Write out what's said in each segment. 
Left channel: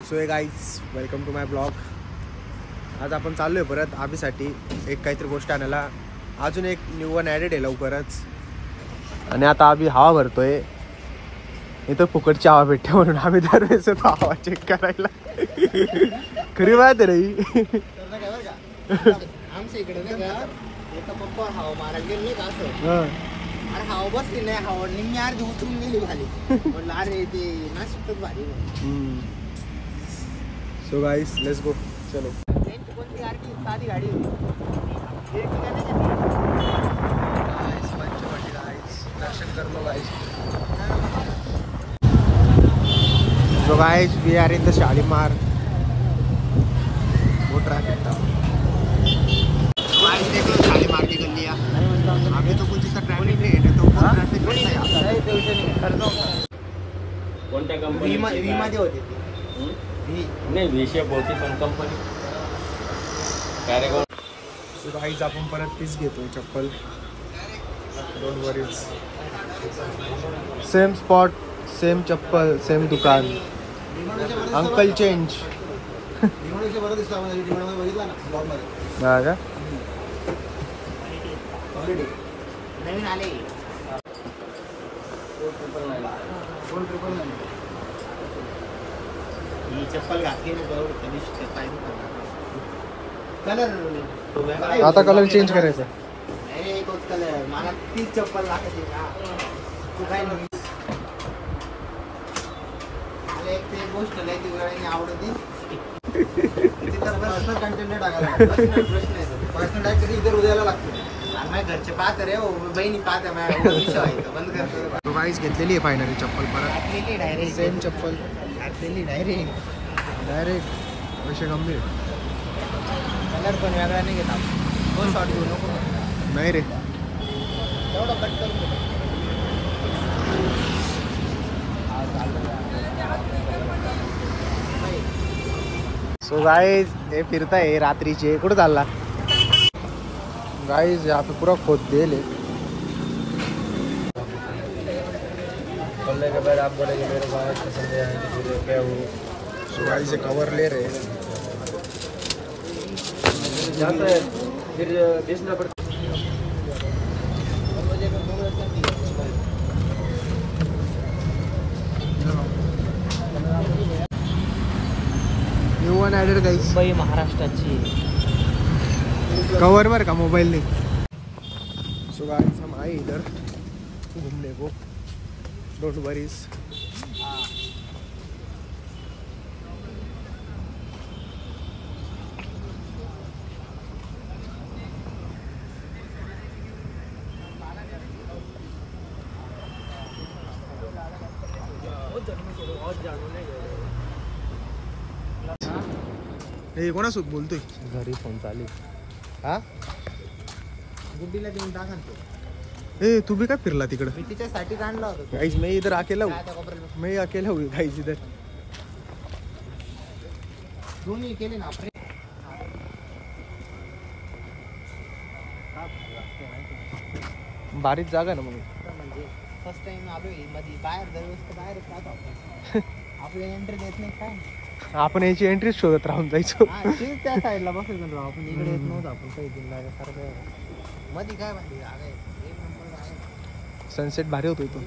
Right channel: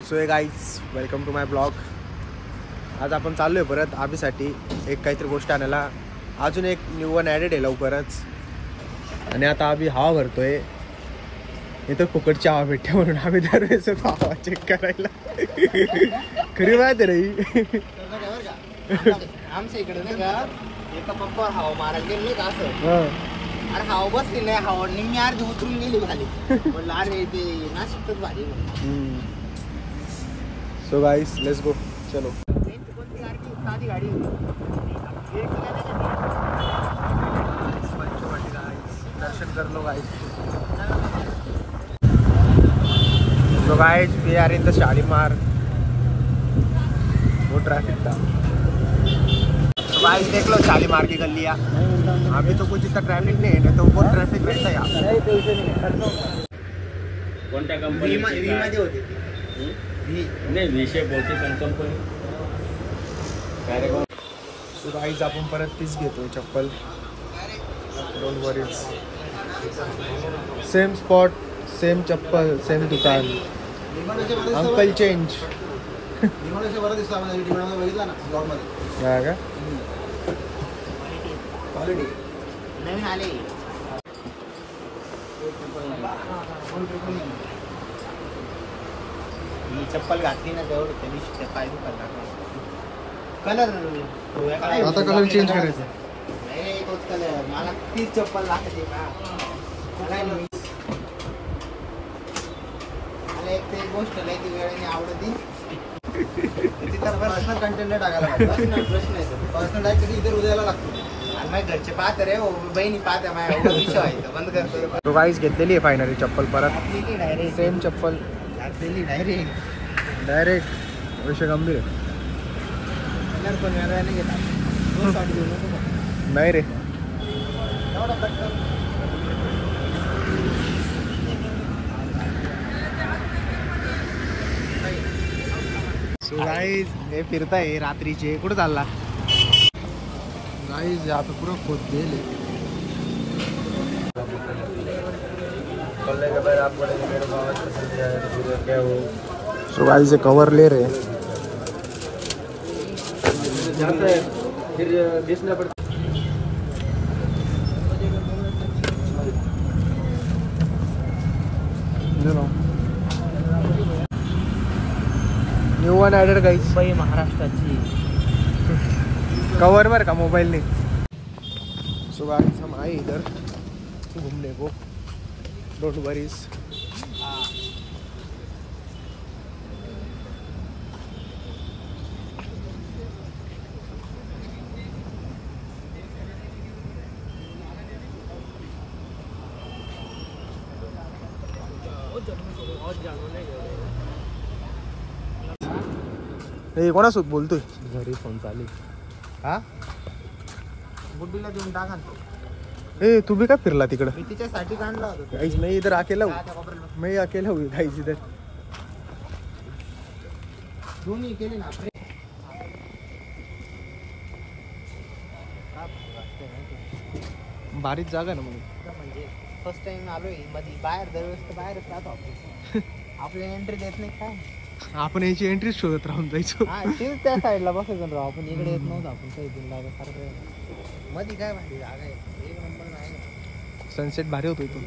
So hey guys welcome to my blog. आज आपण चाललोय परत आबीसाठी एक काहीतरी गोष्ट आणायला. अजून एक न्यू वन ॲडेड आहे लवकरच. आणि आता आबी हवा भरतोय. इथं फुकटची हवा भेटते म्हणून आम्ही दरवेळेस हवा चेक करायला. खरी माहिती रे. आमच्या इकडे नाही का एका पप्पा हवा मारायला गेली का असं. अरे हवा बसली नाही, हवा निम्मी अर्धी उतरून गेली खाली. म्हटलं अरे ते नाशिकच भारी. So guys let's go. चलो साधी गाडी दर्शन कर लो guys. So guys we are in the Shalimar. वो ट्रैफिक था. तो गाइस देख लो शालीमार की गलियां. अभी तो कुछ इतना ट्रैफिक नहीं है, तो बहुत ट्रैफिक रहता है यहाँ. कोणत्या कंपनी मध्ये होते नाही विषय बहुतेक पण कंपनी. सो गाइस आपण परत तीच घेतो चप्पल. Don't worries. Same spot, same चप्पल, सेम दुकान. Uncle change. हा का नवीन आले. ही चप्पल घातली ना तेवढी कधी पाय दुखतात. कलर आता कलर चेंज करायचा. नाही एकच कलर. मला तीच चप्पल लागते ना. मला एक ते गोष्ट लय ती वेळेने आवडती. पर्सनल कंटेंट टाकायला पर्सनल डायरेक्ट इधर उद्याला लागतो. आणि माझ्या घरचे पाहत रे बहिणी पाहत माझ्या व्हायचं बंद करते. तो गाइस घेतलेली आहे फायनली चप्पल परत. घातलेली डायरेक्ट सेम चप्पल घातलेली डायरेक्ट विषय गंभीर. कलर पण वेगळा नाही घेत आपण. तो शॉर्ट घेऊ नको नाही रे. एवढं कट कर. सो गाइस हे फिरताय रात्रीचे. कुठं चालला गाइस? यहाँ पे पूरा खोद देल है. सो गाइस ये कवर ले रहे. फिर देखना पड़ता. New one added guys. Mumbai महाराष्ट्राची कवर वर का मोबाइल ने. सो गाइस हम आए इधर घूमने को. Don't worries. हे कोणासोबत बोलतोय? घरी फोन चालू. हा बुड्डीला देऊन टाका. ए तू भी काय फिरला तिकडं? मी तिच्यासाठी काढला होता. गाइस मैं इधर अकेला हूँ. मैं अकेला हूँ गाइस इधर. दोन्ही केले ना आपले. बारीक जागा ना म्हणून. म्हणजे फर्स्ट टाइम आलोय मध्ये बाहेर दरवेळेस तर बाहेरच राहतो आपण. आपल्याला एंट्री देत नाही काय. आपण याची एंट्री शोधत राहून जायचो. तेच त्या साईडला बसायचं राव आपण. इकडे येत नव्हतं आपण काही दिन लागासारखं. मध्ये काय भारी जागा आहे. एक नंबर आहे. सनसेट भारी होतो इथून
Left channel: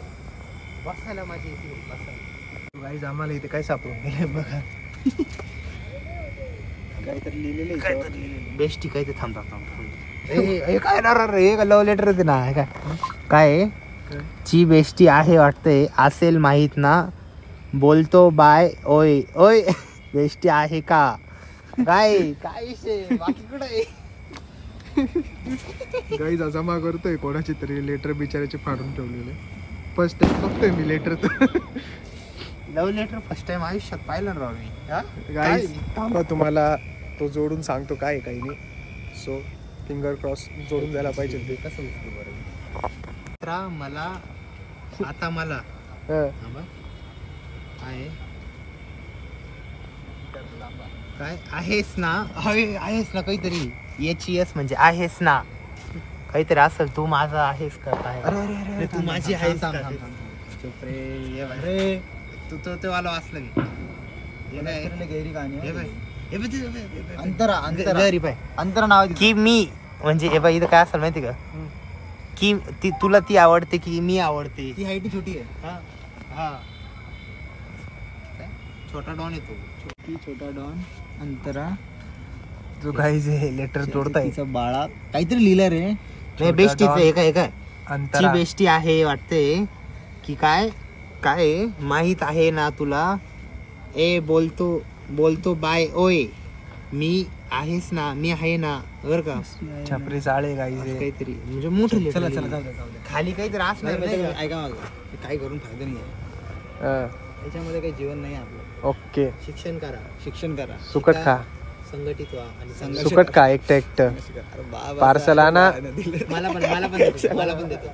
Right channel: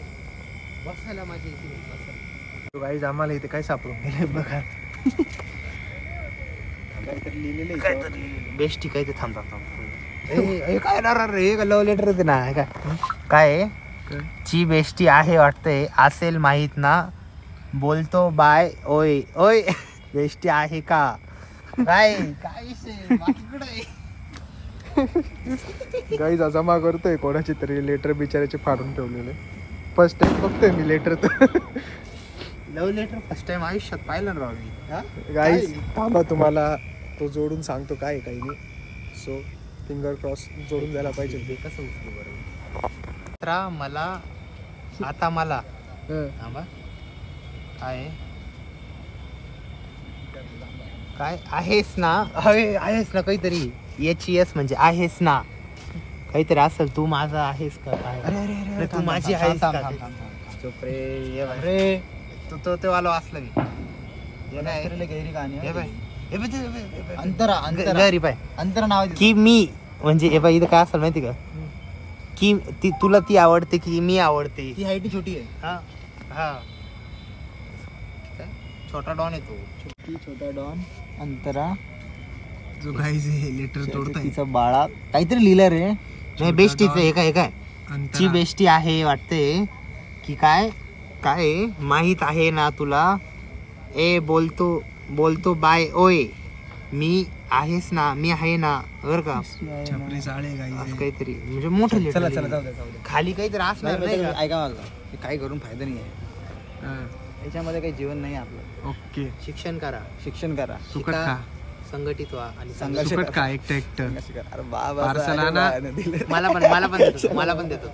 बसायला मजा येते बसायला. गाइस आम्हाला इथे काय सापडून गेले बघा. काहीतरी लिहिलेलं आहे. बेस्टी काय ते थांबतात. काय ना रे लव्ह लेटर होते ना. काय ची बेस्टी आहे वाटतंय. असेल माहित ना. बोलतो बाय. ओय ओय बेस्टी आहे का काय? काय विषय बाकी कुठं आहे. गाइस जमा करतोय कोणाची तरी लेटर बिचाराचे फाडून ठेवलेले. फर्स्ट टाइम बघतोय मी letter. Love letter first time आयुष्यात पाहिलं राव मी. गाइस थांबा तुम्हाला तो जोडून सांगतो काय काही नाही. सो फिंगर क्रॉस जोडून जायला पाहिजे ते. कसं उचलू बरोबर. मला आता मला थांबा. आहे काय आहेस ना. आहेस ना काहीतरी. एच म्हणजे आहेस ना काहीतरी असेल. तू माझा आहेस का काय. तू माझी आहेस का. चुप रे. तू तो वाला असला. अंतरा अंतरा नाव की मी म्हणजे हे बघ इथं काय असेल माहिती का की तुला ती आवडते की मी आवडते. ती हाईट छोटी आहे. हा हा छोटा डॉन येतो. छोटा डॉन अंतरा जो काही जे लेटर तोडताय बाळा काहीतरी लिहिलं रे. बेस्टीच आहे काय काय ची बेस्टी आहे वाटते की काय काय माहित आहे ना तुला. ए बोलतो बाय ओय मी आहेस ना मी आहे ना बर का. छपरी चाळे काहीतरी म्हणजे मोठे खाली काहीतरी असणार नाही का. ऐका मला काही करून फायदा नाही. त्याच्यामध्ये काही जीवन नाही आपलं. ओके. शिक्षण करा सुकट खा संघटित व्हा आणि सुकट खा एकटं पार्सल आणा. मला पण देतो.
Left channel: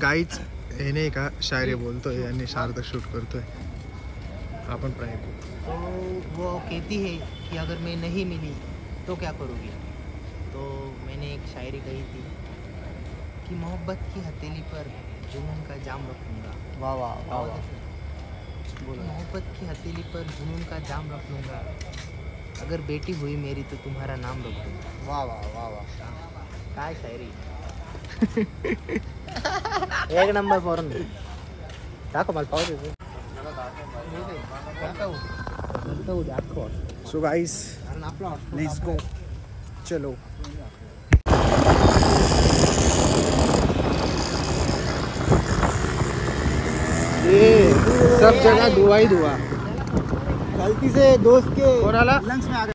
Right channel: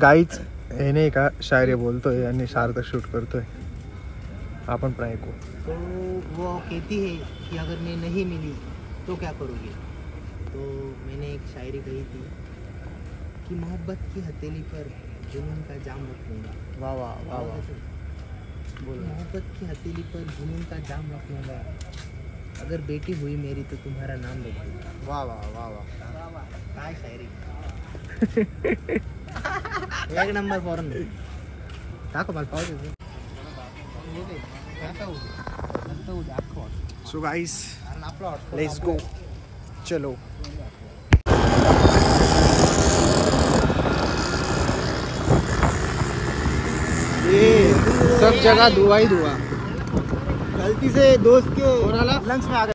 गाईच हे नाही का शायरी बोलतोय आणि शारदा शूट करतोय. आपण पण ऐकू. तो वो कहती है कि अगर मैं नहीं मिली तो क्या करोगे. तो मैंने एक शायरी कही थी कि मोहब्बत की हथेली पर जुनून का जाम रख लूंगा. वाह वाह. मोहब्बत की हथेली पर जुनून का जाम रख लूंगा. अगर बेटी हुई मेरी तो तुम्हारा नाम रख दूंगा. वाह वाह वाह वाह. काय शायरी. एक नंबर फॉरन टाका मला पाहू. So guys let's go. चलो. सब जगह धुआं ही धुआं. गलती से दोस्त के कोणाला लंच में आ गए.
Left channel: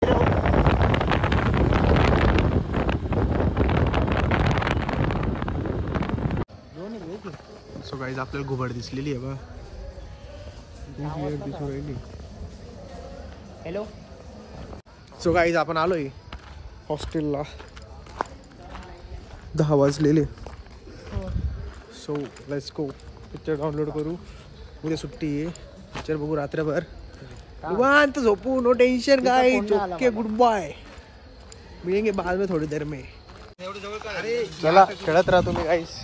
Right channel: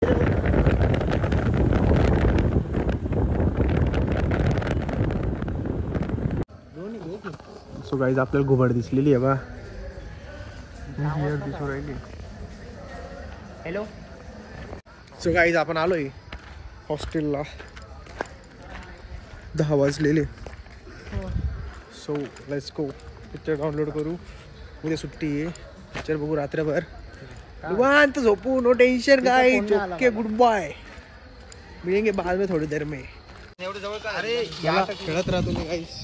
सो गाईज आपल्याला घुबड दिसलेली आहे बा. दिसून राहिली. हॅलो. सो गाईज आपण आलोय हॉस्टेलला. 10 वाजलेले. So let's go. Picture download करू. उद्या सुट्टी आहे. पिक्चर बघू रात्रभर निवांत झोपू. No tension guys. Okay goodbye. मिळेंगे बाद में थोड़ी देर में. चला खेळत राहा तुम्ही गाईस.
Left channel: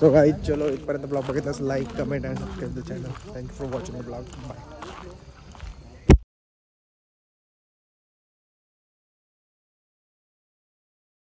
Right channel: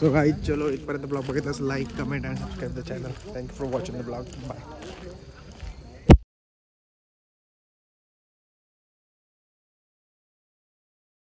सो गाईज चलो इथपर्यंत ब्लॉग बघितला like comment and subscribe the channel. Thank you for watching the blog. Bye.